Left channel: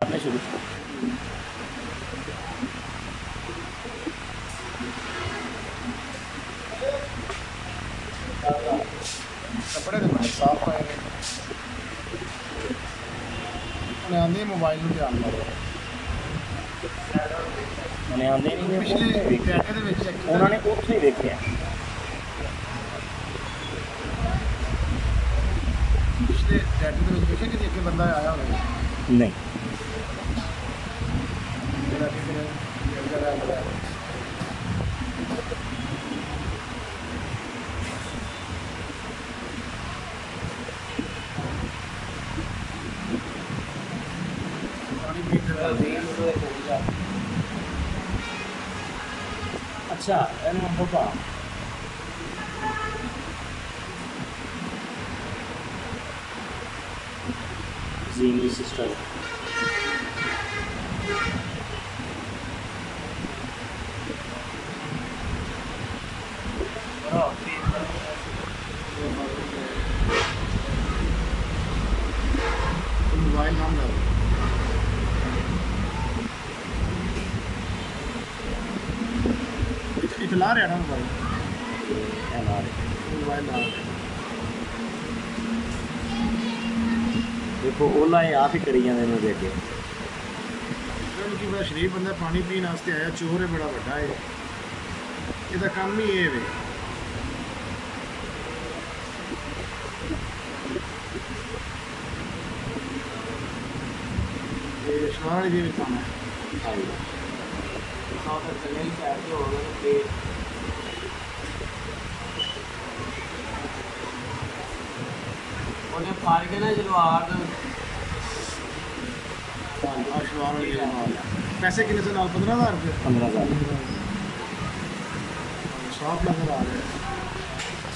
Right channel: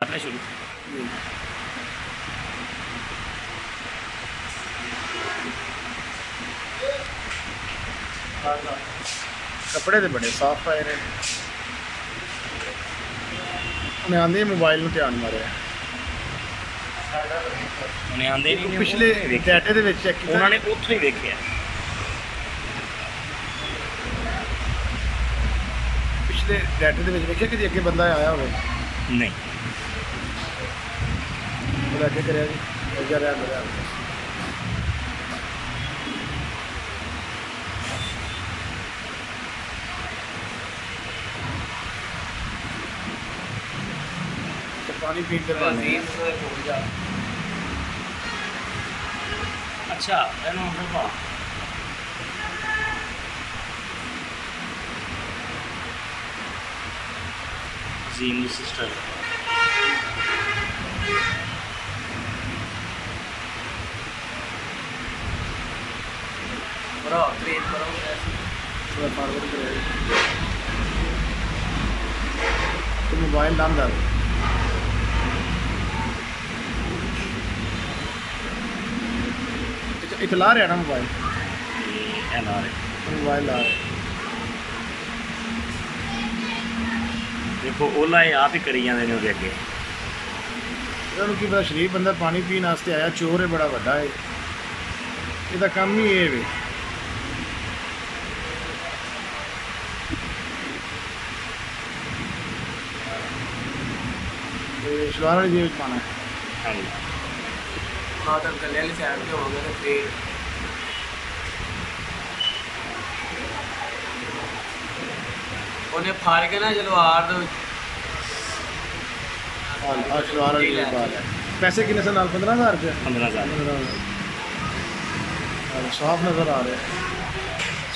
करना शुरू। कपड़े तो बड़े साफ पाए ने उन्हें आंदे मोबाइल में ध्यान मारे उन्हें आंदे नहीं पिछले डाटे ਦੇ ਵਿੱਚ ਚੈੱਕ ਕੀਤਾ ਉਹਨਾਂ ਨੇ ਉੱਥੋਂ ਹੀ ਵੇਖਿਆ। ਪਿਛਲੇ ਡਾਟੇ ਦੇ ਵਿੱਚ ਵੇਖਿਆ ਕਿ ਅੱਗੇ ਬੰਦਾ ਆਇਆ ਹੋਵੇ ਨਹੀਂ ਉਹਦਾ ਅੱਗੇ ਕਰਿਆ ਜੀ ਜਾ ਰਿਹਾ ਮੇਰਾ पानी पीते अच्छा ਇਹਨੂੰ ਹੋਪਾ ਜ਼ੀਨੀ ਸਿਸਟਰ बड़ा ट्रेन बड़ा मोबाइल नाम डाल इतला रहा ना मोबाइल मोबाइल ला रहे देखो ओला ये आप ही करी जाते हैं ਉਹਦੇ ਅੱਗੇ ਇਹਨਾਂ ਕੀ ਬੜਾ ਸ਼ਰੀਫ ਬੰਦਾ ਪਾਣੀ ਪੀਣ ਵਾਸਤੇ ਆਇਆ ਚੋਰ ਹੈ ਬੜਾ ਵੱਡਾ ਹੈ ਇਹਦਾ ਕੰਮ ਹੀ ਇਹ ਵੇ ਇਹ ਸ਼ਲਵਾਰ ਵਾਲੀ ਜੇਬ ਪਾਣਾ ਹੈ ਹਾਂਜੀ हाँ तो गले वाली साइड पे होगा तो फिर उन्हें फाड़ के ना जलवार तो शलवार वाली जेब पा लिया पैसे कितने से नाल 15,000 रुपये 15,000 साफ नज़र आ रहे हैं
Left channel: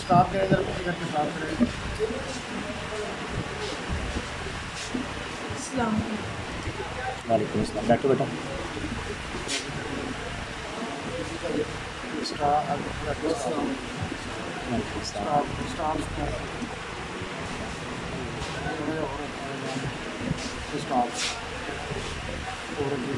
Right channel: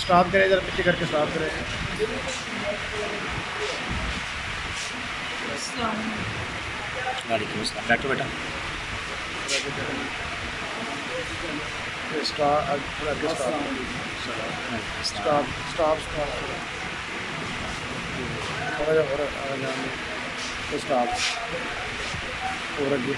स्टॉप करें इधर पीछे करके स्टॉप करें वालेकुम अस्सलाम बैठो बेटा स्टॉप थोड़ा जा स्टॉप और अगे